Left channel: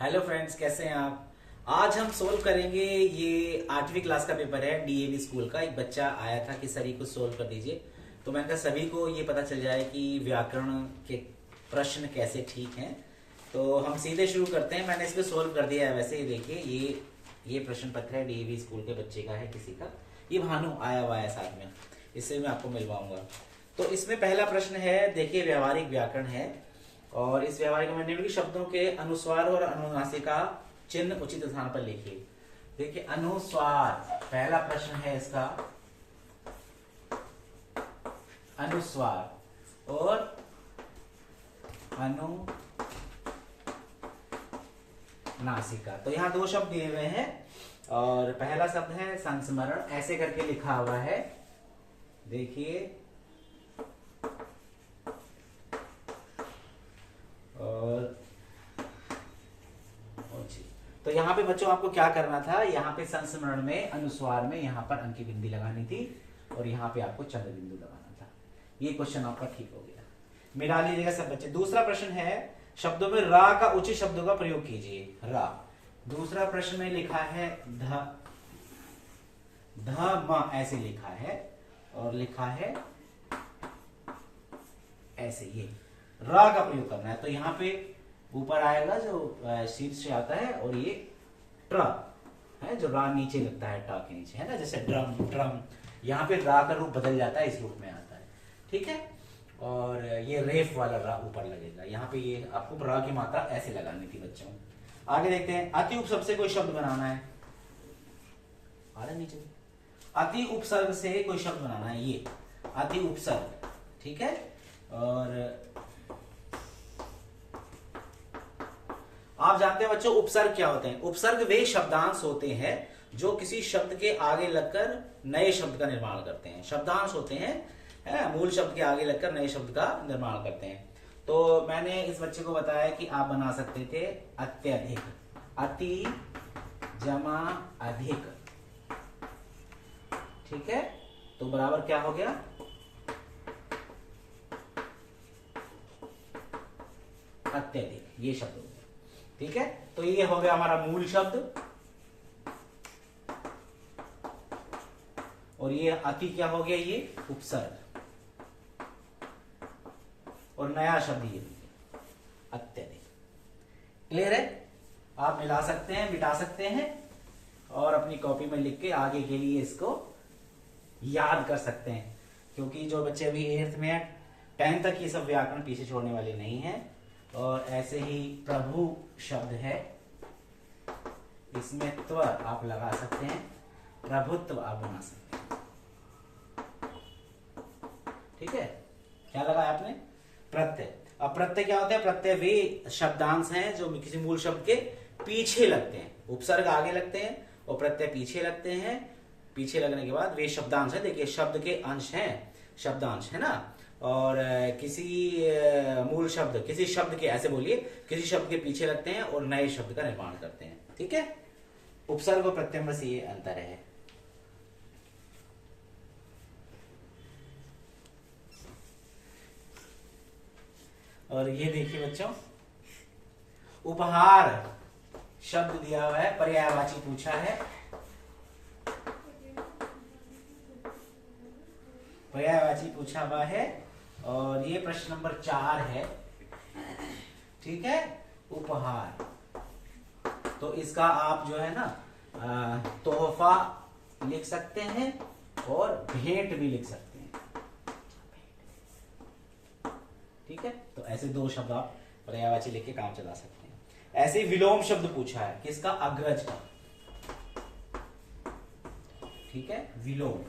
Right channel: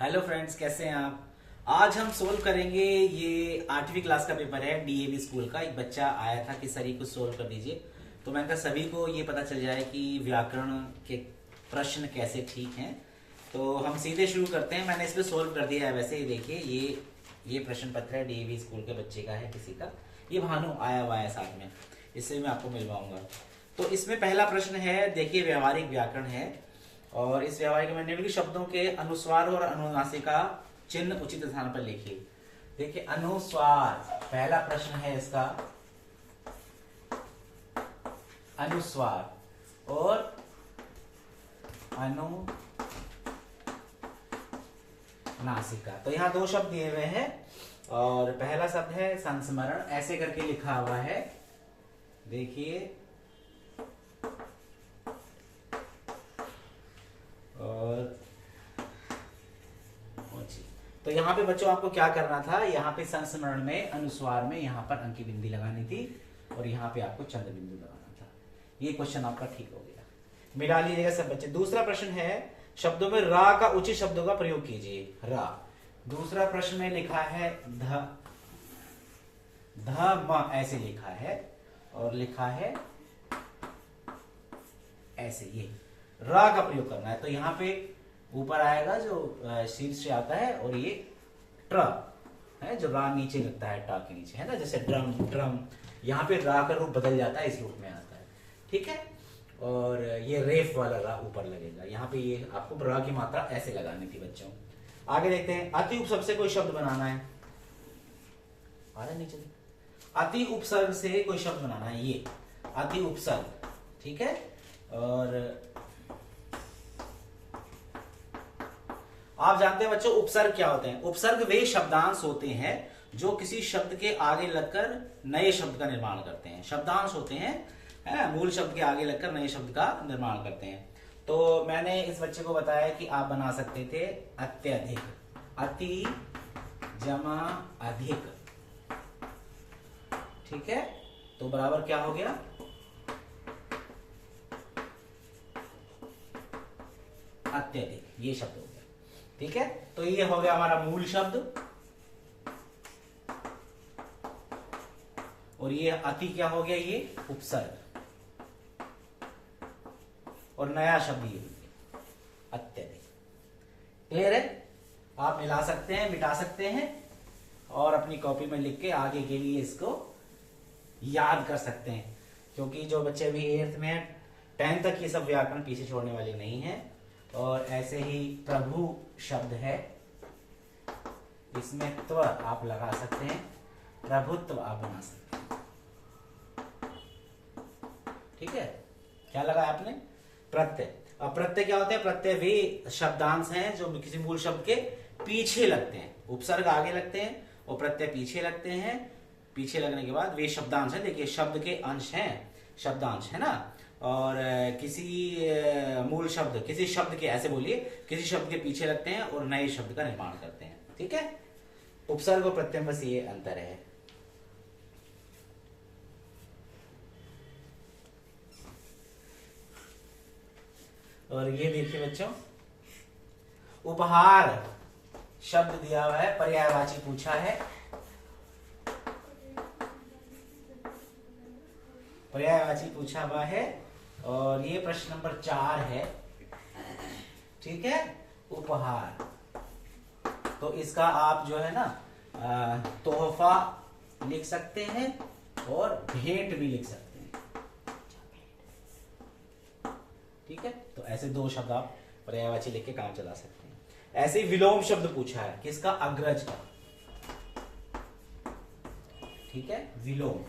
Hello friends, कैसे हैं आप। आज हम सोल्व करेंगे ये 8वीं क्लास का पेपर है डीएवी स्कूल का। एक बच्चा आया था कि सर ये कुछ सोल्व कर दीजिए, तो मैंने कहा सभी को ये पता चल जाए कि व्याकरण के प्रश्न कैसे ठीक हैं। तो हम सीधे शुरू करते हैं। मैंने इसमें सोल्व कर दिया है। वैसे ही देखिए, ये प्रश्न पत्र है, डीएवी स्कूल के बच्चे का है, किसी का। ये भानु आया हुआ है साथ में, इससे मैं आपको मिलवाऊंगा। तो इसमें पहला प्रश्न है, देखिए व्यावहारिक व्याकरण है और इस व्यावहारिक में निम्नलिखित शब्दों के अनुस्वार और अनुनासिका चिन्ह उचित स्थान पर लिखिए। देखिए अनुस्वार, पहला प्रश्न है इसका, अनुस्वार और अनुनासिका। तो यहाँ दो शब्द दिए हुए हैं और पहला शब्द है संस्मरण, ऐसे करके लिखा हुआ है, देखिए। और तो यहाँ पे बच्चों आपको क्या करना था, यहाँ पे संस्मरण में अनुस्वार में यहाँ पर अंकी बिंदी लगानी थी और यहाँ पे आपको चंद्र बिंदु लगाना था। ये क्वेश्चन आपका ठीक हो गया, मिला लीजिएगा सब बच्चे। दूसरा प्रश्न है, शब्दों में रा का उचित शब्दों का प्रयोग कीजिए। रा, दूसरा प्रश्न में लिखा है ध म, ऐसे लिखा है और लिखा है ऐसे, ये रा का प्रयोग करना है। तो यहाँ पे ऊपर आएगा जो शीर्ष से आता है और ये ट्र है जो रा नीचे लगता है, टा के नीचे, है ना, जैसे ड्रम ड्रम। यहाँ पे रा का रूप बदल जाता है, इस रूप में आता है, ठीक है। और ये रेफ वाला रा ऊपर लगेगा। यहाँ पे ये आपको रा की मात्रा ऐसे लगानी थी बच्चों। आगे देखते हैं, अति उपसर्ग से कोई शब्द बनाना है। आया नीचे, अति उपसर्ग से कोई शब्द बनाना है, ये अति उपसर्ग, ठीक है। और आप जानते हैं बच्चों उपसर्ग क्या होते हैं। उपसर्ग वे शब्दांश होते हैं जो किसी शब्द के आगे लगकर नए शब्द का निर्माण करते हैं। शब्दांश होते हैं, है, मूल शब्द के आगे लगकर नए शब्द का निर्माण करते हैं। तो मैंने इस बच्चे को बताया कि आप बना सकते थे अत्यधिक, अति जमा अधिक, ठीक है। तो बराबर क्या हो गया, अत्यधिक, ये शब्द हो गया, ठीक है। तो ये हो गया हमारा मूल शब्द और ये अति क्या हो गया, ये उपसर्ग, और नया शब्द ये अत्यधिक। क्लियर है। आप मिला सकते हैं, मिटा सकते हैं और अपनी कॉपी में लिख के आगे के लिए इसको याद कर सकते हैं, क्योंकि जो बच्चे अभी 8th में है, 10th तक ये सब व्याकरण पीछे छोड़ने वाले नहीं है। और ऐसे ही प्रभु शब्द है, इसमें त्व आप लगा सकते हैं, प्रभुत्व आप बना सकते हैं, ठीक है। क्या लगा आपने, प्रत्यय। अब प्रत्यय क्या होता है, प्रत्यय वे शब्दांश हैं जो किसी मूल शब्द के पीछे लगते हैं। उपसर्ग आगे लगते हैं और प्रत्यय पीछे लगते हैं। पीछे लगने के बाद वे शब्दांश है, देखिए शब्द के अंश हैं, शब्दांश है ना। और किसी मूल शब्द, किसी शब्द के, ऐसे बोलिए, किसी शब्द के पीछे लगते हैं और नए शब्द का निर्माण करते हैं, ठीक है। उपसर्ग और प्रत्यय में ये अंतर है। और ये देखिए बच्चों, उपहार शब्द दिया हुआ है, पर्यायवाची पूछा है, पर्यायवाची पूछा हुआ है और ये प्रश्न नंबर 4 है, ठीक है। उपहार, तो इसका आप जो है ना तोहफा लिख सकते हैं और भेंट भी लिख सकते हैं, ठीक है। तो ऐसे दो शब्द आप पर्यायवाची लिख के काम चला सकते हैं। ऐसे ही विलोम शब्द पूछा है, किसका, अग्रज का, ठीक है। विलोम,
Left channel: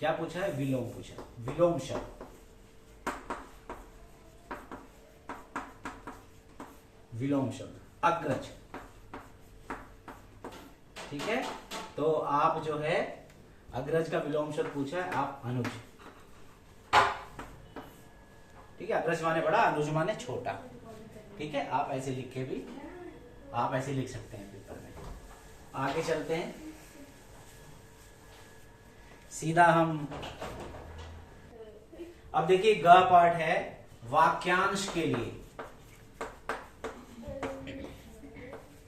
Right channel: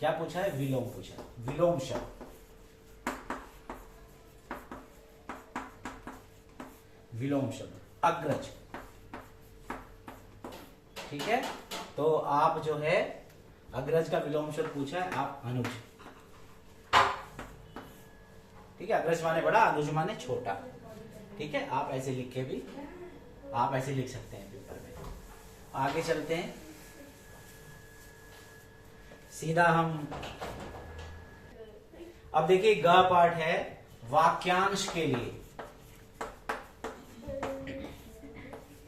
क्या पूछा है, विलोम पूछा, विलोम शब्द, विलोम शब्द अग्रज, ठीक है। तो आप जो है अग्रज का विलोम शब्द पूछा है, आप अनुज, ठीक है। अग्रज माने बड़ा, अनुज माने छोटा, ठीक है। आप ऐसे लिख के भी, आप ऐसे लिख सकते हैं पेपर में। आगे चलते हैं, सीधा हम अब देखिए ग पार्ट है वाक्यांश के लिए,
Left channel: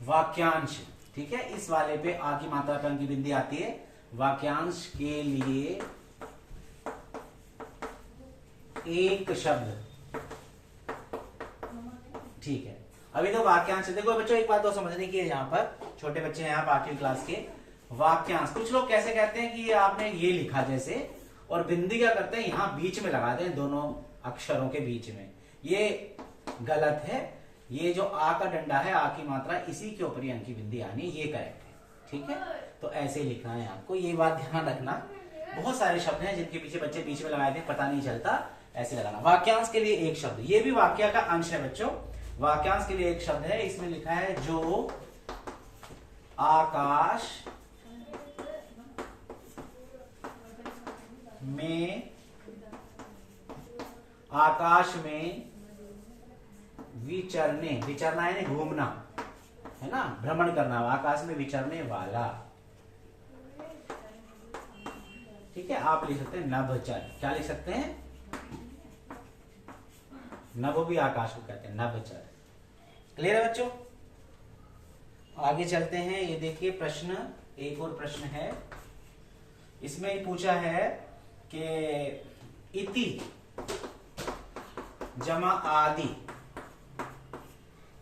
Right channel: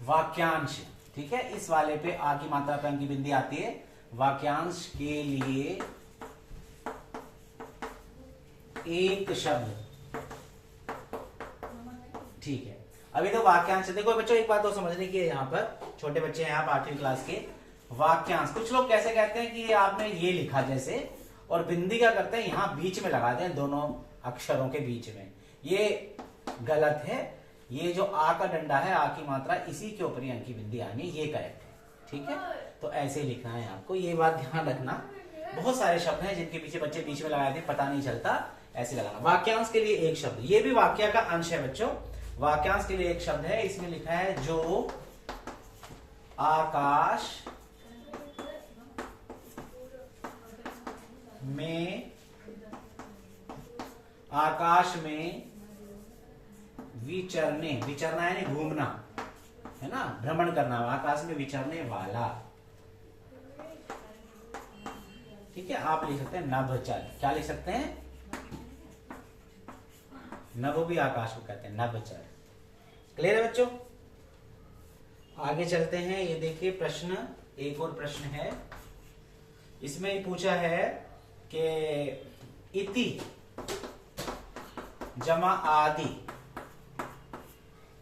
वाक्यांश, ठीक है। इस वाले पे आ की मात्रा पे की बिंदी आती है। वाक्यांश के लिए एक शब्द, ठीक है। अभी तो वाक्यांश, देखो बच्चों एक बात तो समझने की है, यहाँ पर छोटे बच्चे हैं आप 8वीं क्लास के। वाक्यांश कुछ लोग कैसे कहते हैं कि ये आपने ये लिखा जैसे, और बिंदी क्या करते हैं यहाँ बीच में लगाते हैं, दोनों अक्षरों के बीच में। ये गलत है। ये जो आ का डंडा है, आ की मात्रा, इसी के ऊपर अंकी बिंदी आनी, ये करेक्ट है, ठीक है। तो ऐसे लिखना है आपको, ये बात ध्यान रखना। बहुत सारे शब्द हैं जिनके पीछे बच्चे बीच में लगाए थे, पता नहीं चलता, ऐसे लगाना। वाक्यांश के लिए एक शब्द, ये भी वाक्य का अंश है बच्चों। वाक्यांश के लिए एक शब्द है, इसमें लिखा है जो आकाश में, आकाश में विचरने, विचरना है ना, घूमना है ना, भ्रमण करना, आकाश में विचरने वाला, ठीक है। आप लिख सकते हैं नभचर, क्या लिख सकते हैं, नभ भी आकाश को कहते हैं, नभचर। क्लियर है बच्चों? आगे चलते हैं। ये देखिए प्रश्न, एक और प्रश्न है, इसमें पूछा है कि इति जमा आदि,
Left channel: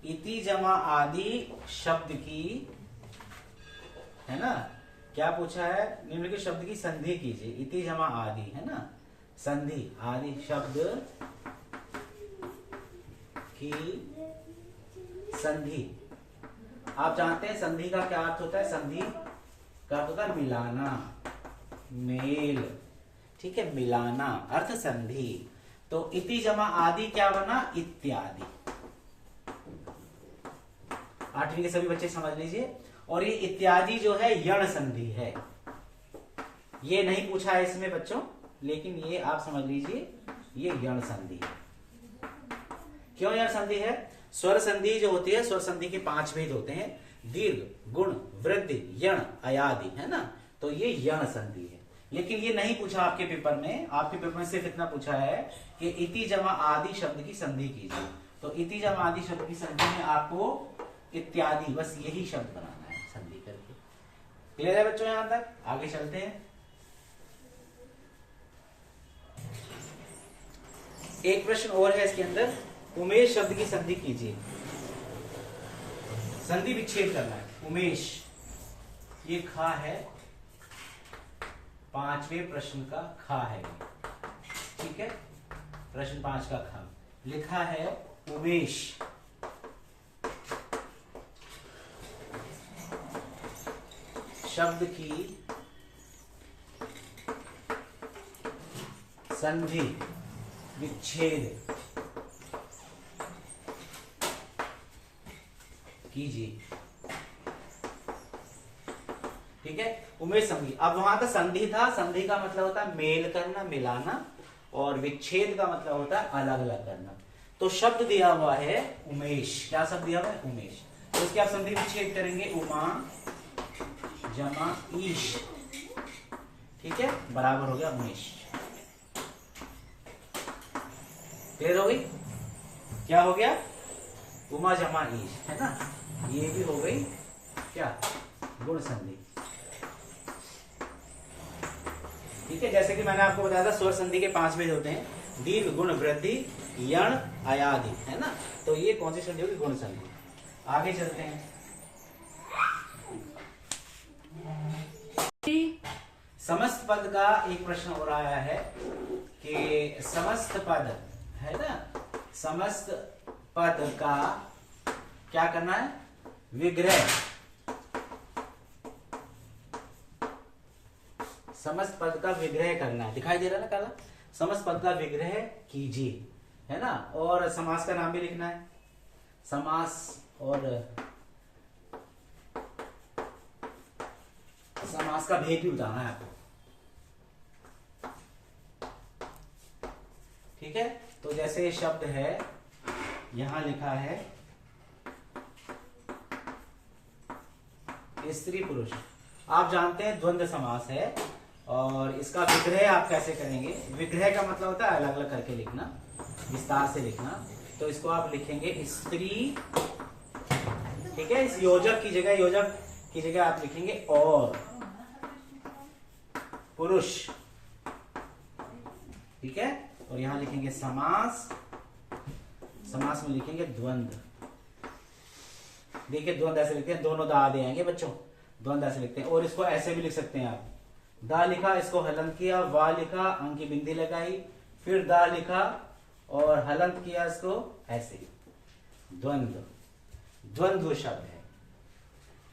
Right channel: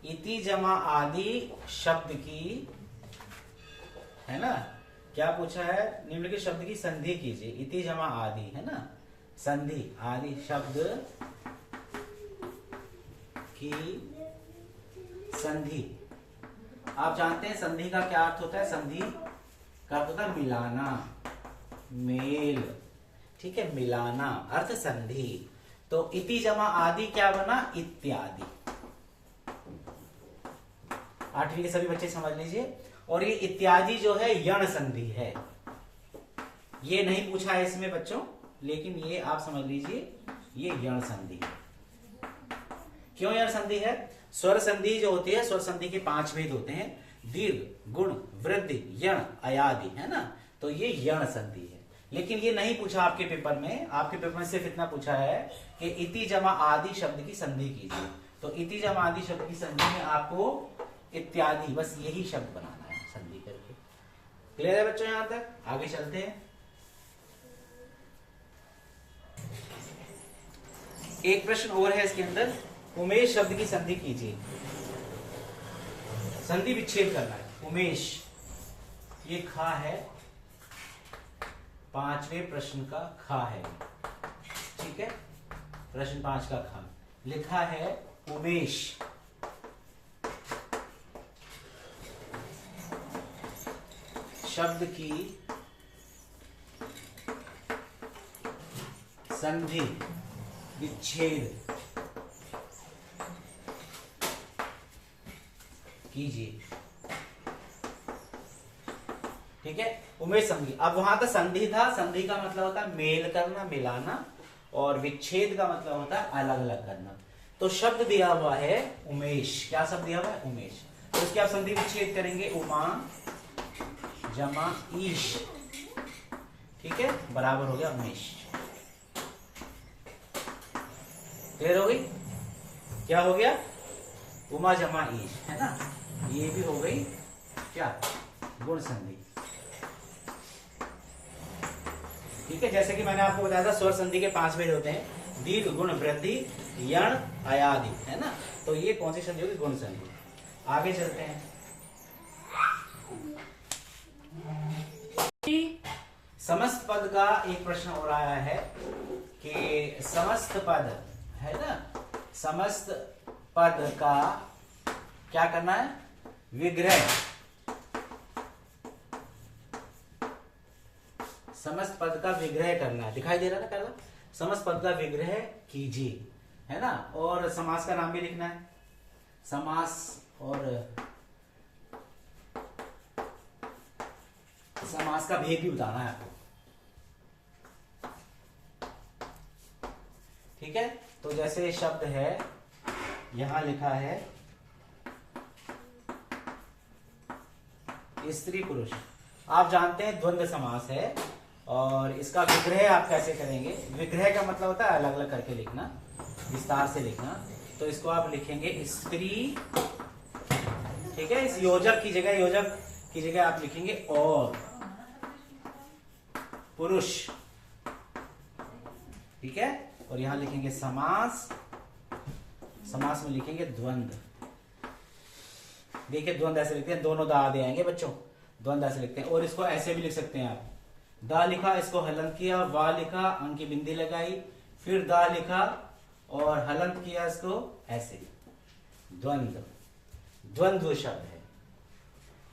इति जमा आदि शब्द की, है ना, क्या पूछा है, निम्नलिखित शब्द की संधि कीजिए। इति जमा आदि, है ना, संधि, आदि शब्द की संधि। आप जानते हैं संधि का क्या अर्थ होता है, संधि का अर्थ होता है मिलाना, मेल, ठीक है, मिलाना, अर्थ संधि। तो इति जमा आदि क्या बना, इत्यादि। 8वीं के सभी बच्चे समझ लीजिए। और ये इत्यादि जो है यण संधि है, ये नहीं पूछा है इसमें बच्चों, लेकिन ये आप समझ लीजिए ये यण संधि है। क्यों यण संधि है? स्वर संधि जो होती है, स्वर संधि के 5 भेद होते हैं, दीर्घ, गुण, वृद्धि, यण, अयादि, है ना, तो ये यण संधि है। लेकिन ये नहीं पूछा आपके पेपर में, आपके पेपर में सिर्फ इतना पूछा है कि इति जमा आदि शब्द की संधि कीजिए। तो इति जमा आदि शब्द की संधि में आपको इत्यादि, बस यही शब्द बनाना है संधि करके। क्लियर है बच्चों? यहां तक आगे चलते हैं। एक प्रश्न और है इसके अंदर, उमेश शब्द की संधि कीजिए। संधि विच्छेद करना है। उमेश, ये खा है, 5वें प्रश्न का खा है, ठीक है, प्रश्न 5 का खा लिखा है। उमेश शब्द की संधि विच्छेद कीजिए, ठीक है। उमेश संधि, अब वहां का संधि था, संधि का मतलब होता है मेल करना, मिलाना, और विच्छेद का मतलब होता है अलग अलग करना। तो शब्द दिया हुआ है उमेश, क्या शब्द दिया हुआ है? उमेश। तो इसकी आप संधि विच्छेद करेंगे, उमा जमा ईश, ठीक है, बराबर हो गया उमेश। क्लियर हो गई? क्या हो गया? उमा जमा ईश, है ना, ये भी हो गई क्या, गुण संधि, ठीक है। जैसे कि मैंने आपको बताया था स्वर संधि के 5 भेद होते हैं, दीर्घ, गुण, वृद्धि, यण, अयादि, है ना, तो ये कौन सी संधि होगी? गुण संधि। आगे चलते हैं। समस्त पद का एक प्रश्न हो रहा है कि समस्त पद, है ना, समस्त पद का क्या करना है? विग्रह, समस्त पद का विग्रह करना है। दिखाई दे रहा है ना काला? समस्त पद का विग्रह कीजिए, है ना, और समास का नाम भी लिखना है, समास, और समास का भेद भी बताना है आपको, ठीक है। तो जैसे शब्द है, यहां लिखा है स्त्री पुरुष, आप जानते हैं द्वंद्व समास है, और इसका विग्रह आप कैसे करेंगे? विग्रह का मतलब होता है अलग अलग करके लिखना, विस्तार से लिखना। तो इसको आप लिखेंगे स्त्री, ठीक है। इस योजक की जगह आप लिखेंगे और पुरुष, ठीक है। और यहां लिखेंगे समास, समास में लिखेंगे द्वंद्व। देखिए द्वंद्व ऐसे लिखते हैं, दोनों दा दे आएंगे बच्चों, द्वंद्व ऐसे लिखते हैं। और इसको ऐसे भी लिख सकते हैं आप, दा लिखा, इसको हलंत किया, वा लिखा, अंक की बिंदी लगाई, फिर दा लिखा और हलंत किया, इसको ऐसे, द्वंद्व, द्वंद्व शब्द है।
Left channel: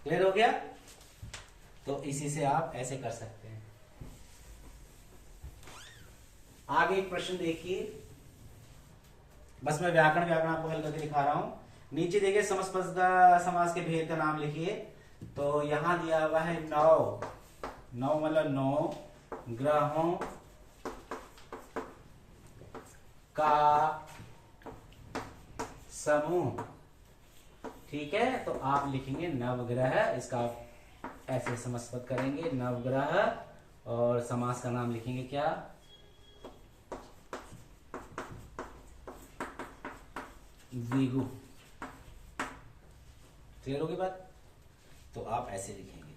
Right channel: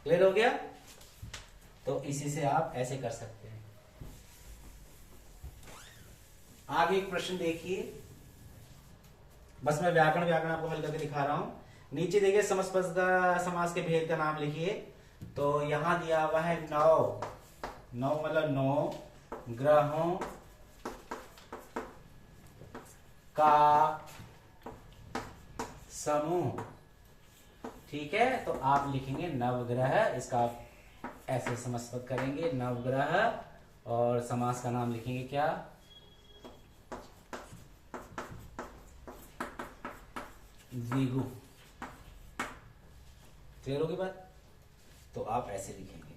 क्लियर हो गया? तो इसी से आप ऐसे कर सकते हैं। आगे एक प्रश्न देखिए, बस मैं व्याकरण आपको हल करके दिखा रहा हूं। नीचे देखिए समस्पद समास के भेद का नाम लिखिए। तो यहां दिया हुआ है नौ, नौ मतलब 9 ग्रहों का समूह, ठीक है। तो आप लिखेंगे नवग्रह, इसका आप ऐसे समस्पद करेंगे नवग्रह, और समास का नाम लिखेंगे क्या? द्विगु। क्लियर होगी बात? तो आप ऐसे लिखेंगे,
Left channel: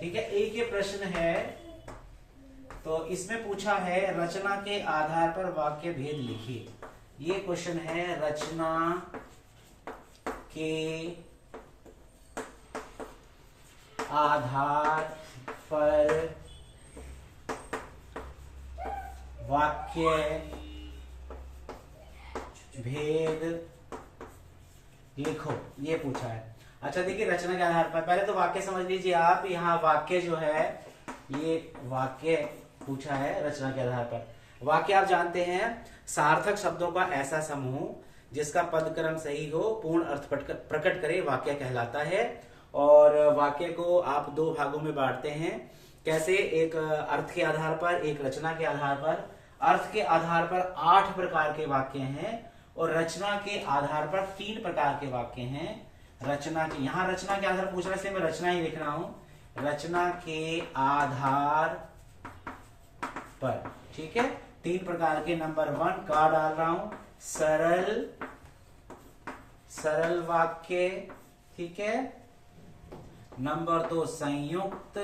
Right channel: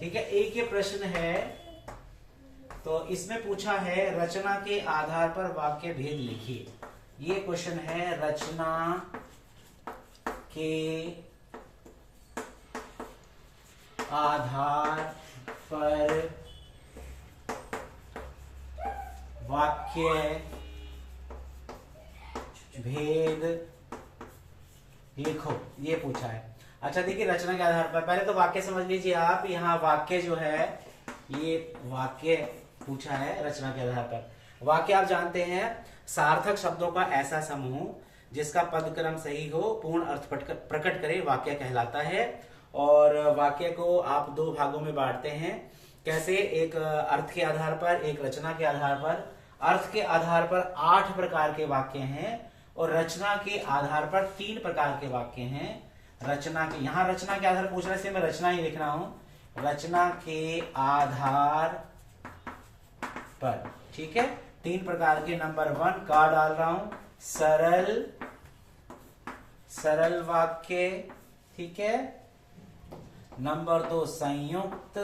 ठीक है। एक ये प्रश्न है, तो इसमें पूछा है रचना के आधार पर वाक्य भेद लिखिए। ये क्वेश्चन है रचना के आधार पर वाक्य भेद लिखो, ये पूछा है। अच्छा देखिए रचना के आधार पर, पहले तो वाक्य समझ लीजिए आप। यहाँ वाक्य जो है, ये वाक्य पूछा है रचना के आधार पर। वाक्य आप जानते हैं सार्थक शब्दों का ऐसा समूह जिसका पदक्रम सही हो, पूर्ण अर्थ प्रकट करे, वाक्य कहलाता है। और वाक्य को आप 2 भागों में बांटते हैं। कैसे? एक अर्थ के आधार पर, एक रचना के आधार पर। अर्थ के आधार पर 8 प्रकार के वाक्य हैं और रचना के आधार पर 3 प्रकार के वाक्य हैं। रचना के, यहां रचना के आधार पूछ रहे हैं, मैं रचना ही लिख रहा हूं, रचना के आधार पर, ठीक है। 3 प्रकार के। नंबर 1 का डाल रहा हूं, सरल वाक्य, ठीक है। नंबर 2 संयुक्त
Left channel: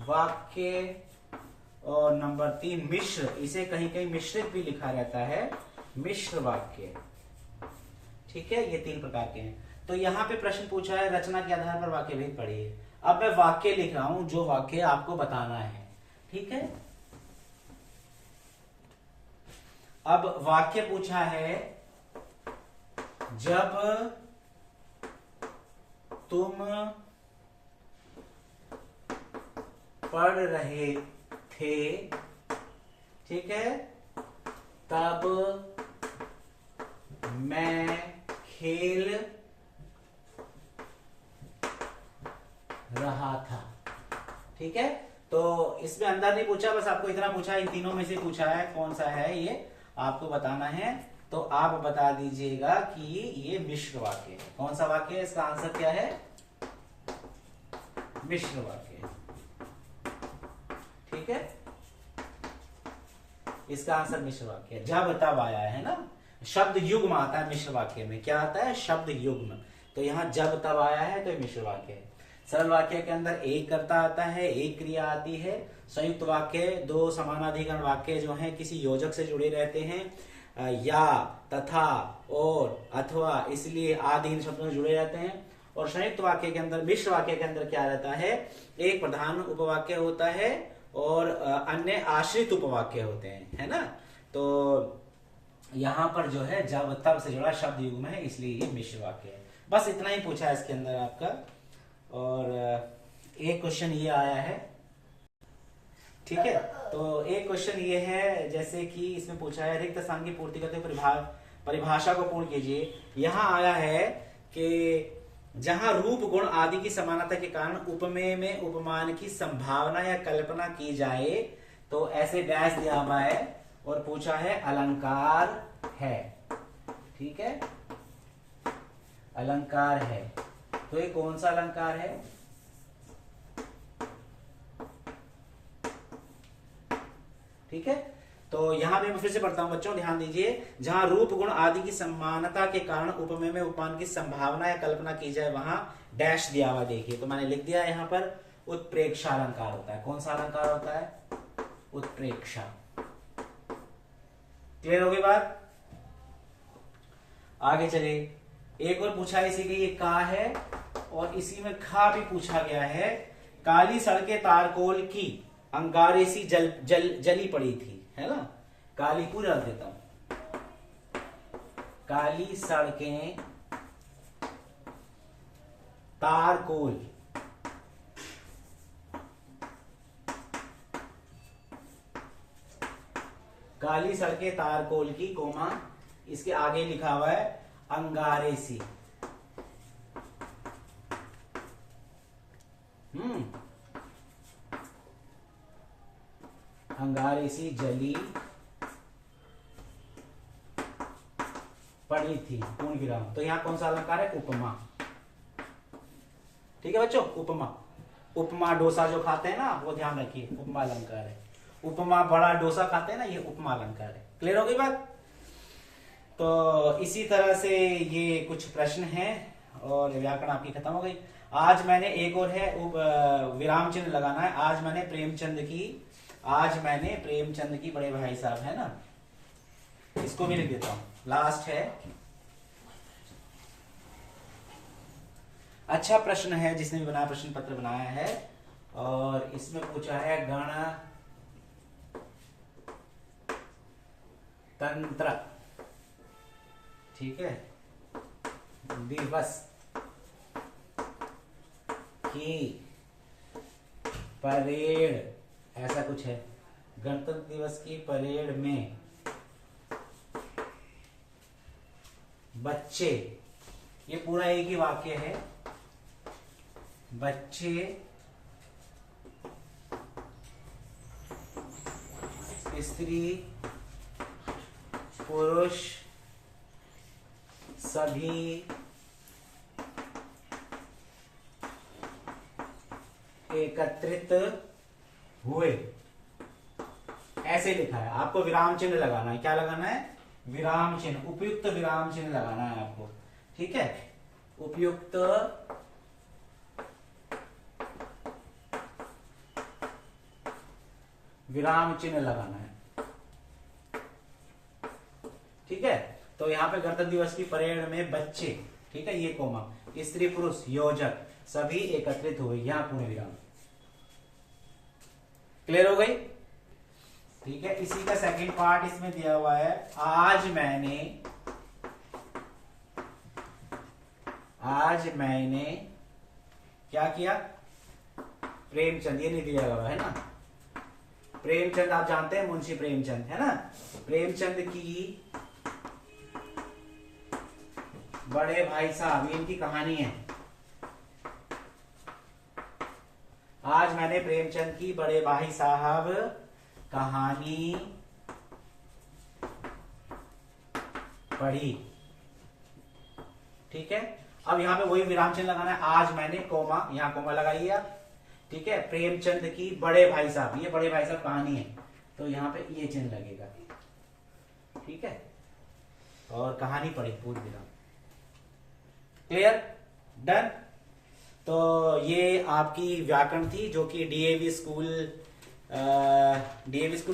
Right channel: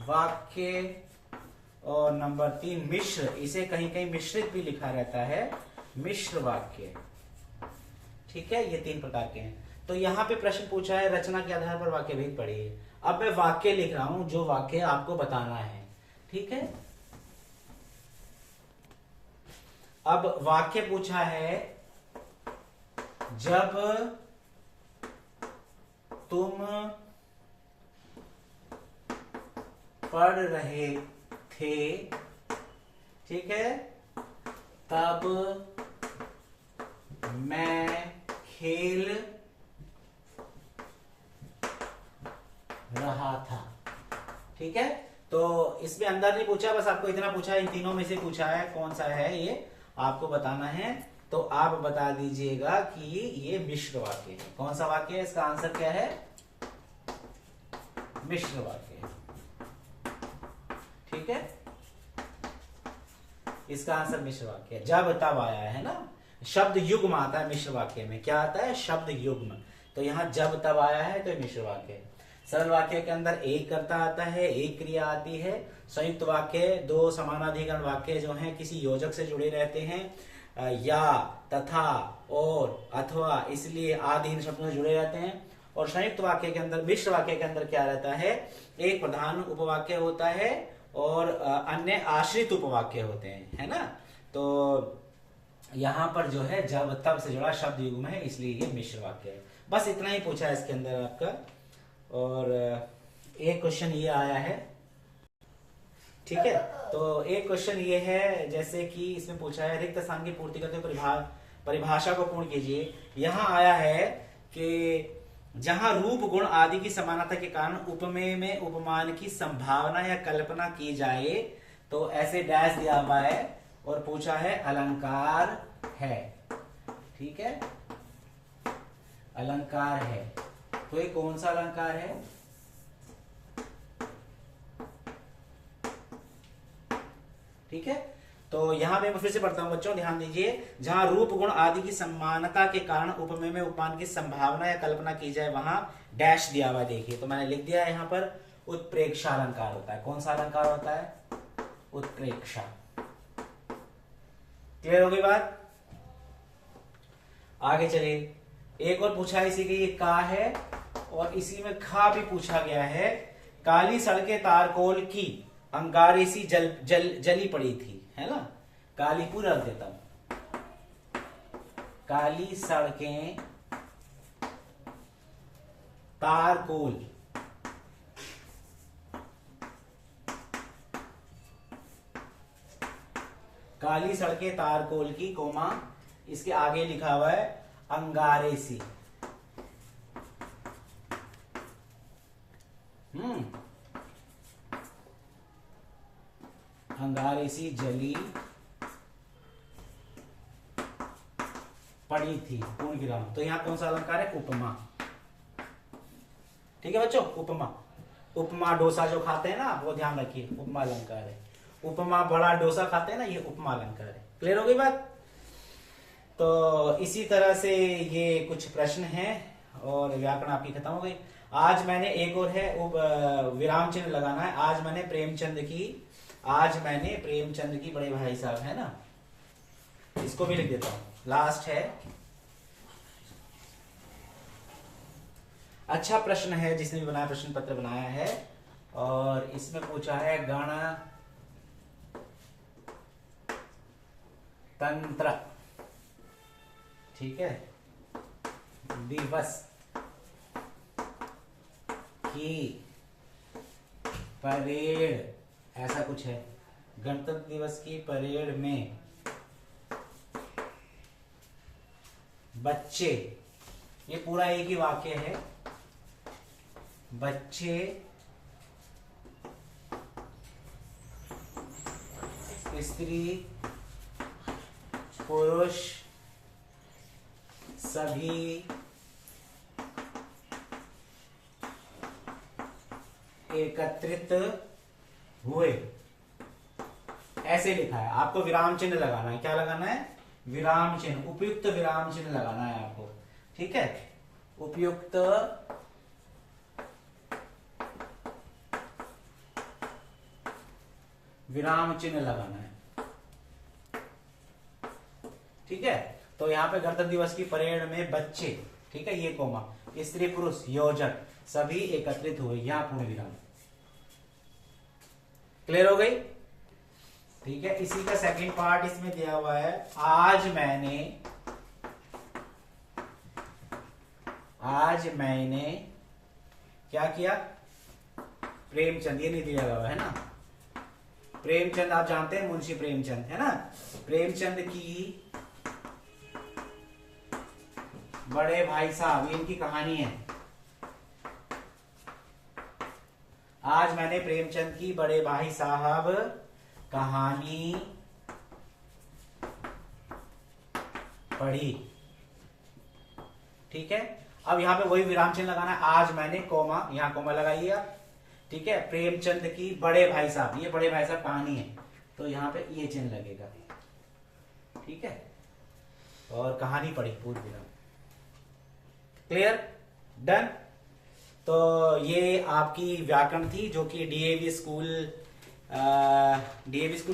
वाक्य, और नंबर 3 मिश्र, इसे कहीं कहीं मिश्रित भी लिखा रहता है, मिश्र वाक्य, ठीक है। ये 3 प्रकार के हैं। तो यहां पे प्रश्न पूछा है रचना के आधार पर वाक्य भेद पढ़िए। अब मैं वाक्य लिख रहा हूं, जो वाक्य आपको बताना है, ठीक है। अब वाक्य पूछा है, जब तुम पढ़ रहे थे, ठीक है, तब मैं खेल रहा था, ठीक है। तो इसमें अंदर नहीं पूछा, बस आपको इतना पूछा है, इन तीनों में से पूछा है कौन सा है, ये आपको बताना है। तो आप बता दीजिएगा कि ये मिश्र वाक्य है। कौन सा वाक्य है? इसका आंसर क्या है? मिश्र वाक्य, ठीक है। इसका आंसर मिश्र वाक्य। जब तब आया है ना, शब्द युग्म आता है मिश्र वाक्य में। क्या आता है? शब्द युग्म। तो यहां जब तब आया है तो मिश्र वाक्य है। सरल वाक्य के अंदर एक कर्ता आता है, एक क्रिया आती है। संयुक्त वाक्य 2 समानाधिकरण वाक्य जो हैं किसी योजक से जुड़े रहते हैं, या, तथा, और, अथवा, इसलिए आदि इन शब्दों से जुड़े रहते हैं। और संयुक्त वाक्य के अंदर, मिश्र वाक्य के अंदर क्या रहता है? एक प्रधान उपवाक्य होता है और अन्य आश्रित उपवाक्य होते हैं, है ना। तो यहां पर जो है जब तब से जुड़ा शब्द युग्म है, इसलिए ये मिश्र वाक्य है। बस इतना ही पूछा है इसके अंदर आपका। और एक क्वेश्चन ये आया है, ठीक है। तो एक क्वेश्चन ये है, जैसे कि इसमें पूछा है रिक्त स्थान की पूर्ति करते हुए परिभाषा को पूर्ण कीजिए। यहां आया है कि जहां रूप गुण आदि की समानता के कारण उपमेय में उपमान की संभावना या कल्पना की जाए, तो ऐसे डैश दिया हुआ है और पूछा है अलंकार है, ठीक है। अलंकार है, तो ये कौन सा अलंकार है? ठीक है, तो यहाँ पे मैं फिर से पढ़ता हूँ बच्चों, ध्यान दीजिए। जहां रूप गुण आदि की समानता के कारण उपमेय में उपमान की संभावना या कल्पना की जाए वहां डैश दिया हुआ देखिए, तो मैंने लिख दिया है यहाँ पर उत्प्रेक्षा अलंकार होता है। कौन सा अलंकार होता है? उत्प्रेक्षा। क्लियर हो गई बात? आगे चलिए, एक और पूछा इसी के, ये का है और इसी में खा भी पूछा गया है। काली सड़कें तारकोल की अंगारे सी जली पड़ी थी, है ना। काली पूरा रख देता हूं, काली सड़कें तारकोल, काली सड़कें तारकोल की, कोमा इसके आगे लिखा हुआ है अंगारे सी। अंगारे सी जली पड़ी थी, पूर्ण विराम। तो यहां कौन सा अलंकार है? उपमा। ठीक है बच्चों, उपमा। उपमा डोसा जो खाते हैं ना, वो ध्यान रखिए, उपमा अलंकार है। उपमा बड़ा डोसा खाते हैं ना, ये उपमा अलंकार है। क्लियर हो गई बात? तो इसी तरह से ये कुछ प्रश्न हैं और व्याकरण आपकी खत्म हो गई। आज मैंने एक और है विराम चिन्ह लगाना है। आज मैंने प्रेमचंद की बड़े भाई साहब है ना, इसको भी लिख देता हूं, लास्ट है। अच्छा प्रश्न है, जिसने भी बनाया प्रश्न पत्र बनाया है, और इसमें पूछा है गणतंत्र, ठीक है, दिवस की परेड, ऐसा कुछ है। गणतंत्र दिवस की परेड में बच्चे, ये पूरा एक ही वाक्य है, बच्चे स्त्री पुरुष सभी एकत्रित हुए, ऐसे लिखा है। आपको विराम चिन्ह लगाना है। क्या लगाना है? विराम चिन्ह, उपयुक्त विराम चिन्ह लगाना है आपको, ठीक है। उपयुक्त विराम चिन्ह लगाना है, ठीक है। तो यहां पे गणतंत्र दिवस की परेड में बच्चे, ठीक है, ये कोमा, स्त्री पुरुष योजक सभी एकत्रित हुए, यहां पूर्ण विराम। क्लियर हो गई? ठीक है, इसी का सेकंड पार्ट इसमें दिया हुआ है। आज मैंने क्या किया? प्रेमचंद, ये नहीं दिया हुआ है ना। प्रेमचंद आप जानते हैं, मुंशी प्रेमचंद, है ना। प्रेमचंद की बड़े भाई साहब, ये इनकी कहानी है। आज मैंने प्रेमचंद की बड़े भाई साहब कहानी पढ़ी, ठीक है। अब यहां पे वही विराम चिन्ह लगाना है। आज मैंने कोमा, यहां कोमा लगाइए आप, ठीक है। प्रेमचंद की बड़े भाई साहब, ये बड़े भाई साहब कहानी है, तो यहां पे ये चिन्ह लगेगा, ठीक है। और कहानी पढ़ी, पूर्ण विराम। क्लियर? डन। तो ये आपकी व्याकरण थी, जो कि डीएवी स्कूल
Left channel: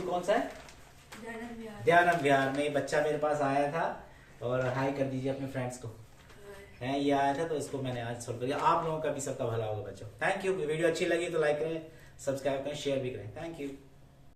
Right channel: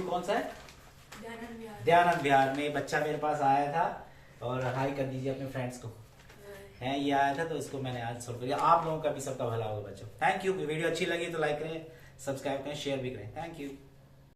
कौन सा है? दयानंद विहार में बच्चा मेरे पास आया था, और हाई कर दीजिए अपने फ्रेंड्स को, है ये आया था, तो इसको मैंने आज सॉल्व कर दिया। आप लोगों का भी सबका भला होगा बच्चों। Thank you. वीडियो अच्छी लगी तो लाइक करें, सब्सक्राइब करें, शेयर भी करें। Thank you.